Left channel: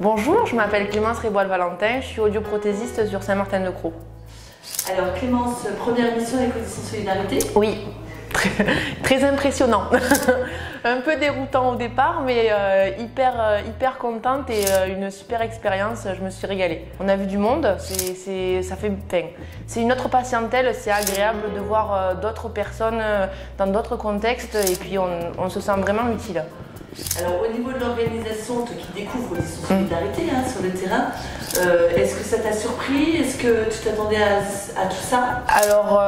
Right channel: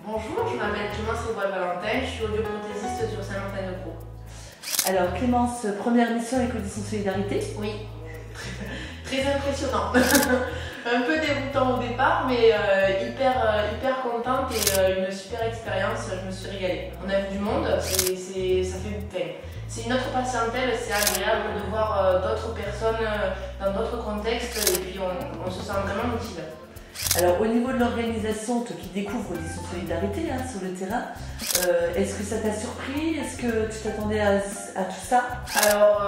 Bonjour, je m'appelle Clémence Réboil-Valentin, je suis audioprothésiste sur Saint-Martin-de-Crau. Alors Clémence, première mission Éco-Dessin Solidarité. Oui, très impressionnant. Un peu déroutant au départ, mais hyper contente et une super expérience, je me suis régalée. On a vu du monde, c'est une autre patientèle, c'est agréable de voir d'autres personnes dans d'autres contextes et puis on se sent vraiment utile. Alors au niveau de l'organisation, toi qui découvres Dessin Solidarité sur le terrain, est-ce que ça t'a surpris? Est-ce que tu t'attendais à tout ça? Alors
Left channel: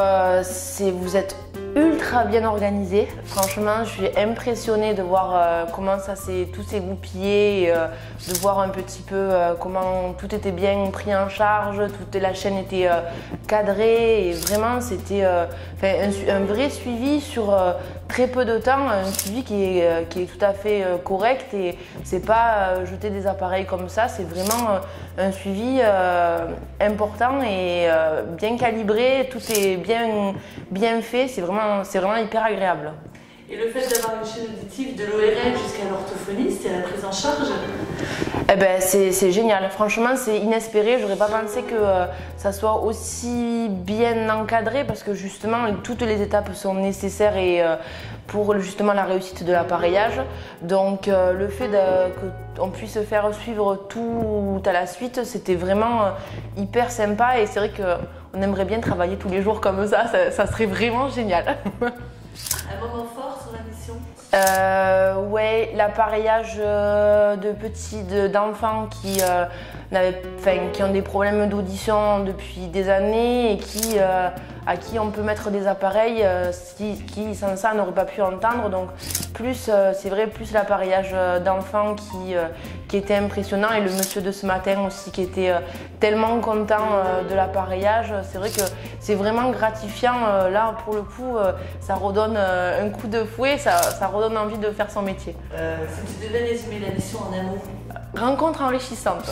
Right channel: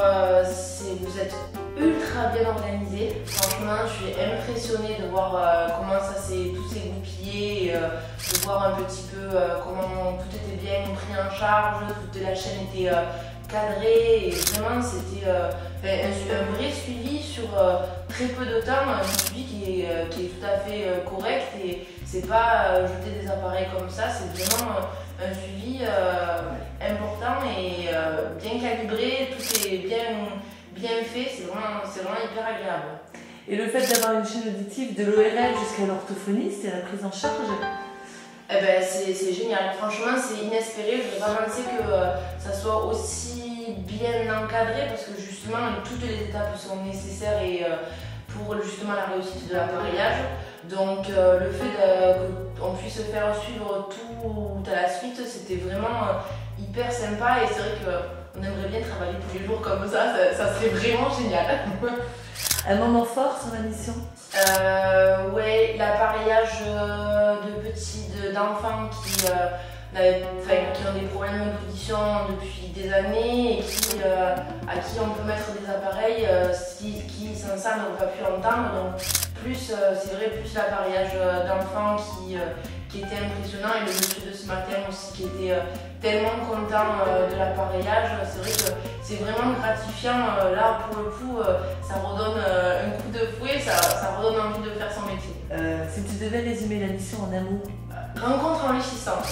vous êtes ultra bien organisé. Franchement, je suis impressionnée de voir comment ça tout s'est goupillé, de voir un petit peu comment tout était bien pris en charge, toute la chaîne était cadrée et vraiment c'était un vrai suivi sur très peu de temps, un suivi qui est tout à fait correct et c'est pas jeter des appareils comme ça, c'est vraiment un suivi important et bien calibré, tout est bien fait, c'est vraiment hyper agréable. Et le fait d'avoir une chaîne auditive de l'ORL jusqu'à l'orthophoniste et la prise en charge? Eh ben, c'est génial, franchement c'est inespéré, j'aurais pas pensé que ça soit aussi bien encadré parce que justement toutes les étapes sont nécessaires et pour justement la réussite de l'appareillage. Donc le fait qu'on puisse faire suivre tout à la suite, c'était vraiment hyper sympa et c'est vrai qu'on aimerait bien travailler tous les jours comme ça serait vraiment génial. Un moment fort sur la mission? Ouais, l'appareillage d'enfants qui ont des problèmes d'audition depuis des années et à qui on peut mettre des appareils qui sans ça n'auraient pas pu entendre. Donc c'est vrai, plus l'appareillage d'enfants qui était impressionnant et le monsieur de ce matin aussi qui était tellement content de l'appareillage. C'est vrai que c'est vraiment gratifiant. Là, pour le coup, ça redonne un coup de fouet, ça redonne envie de faire son métier. Si tu devais résumer la mission en un mot? Rencontre enrichissante.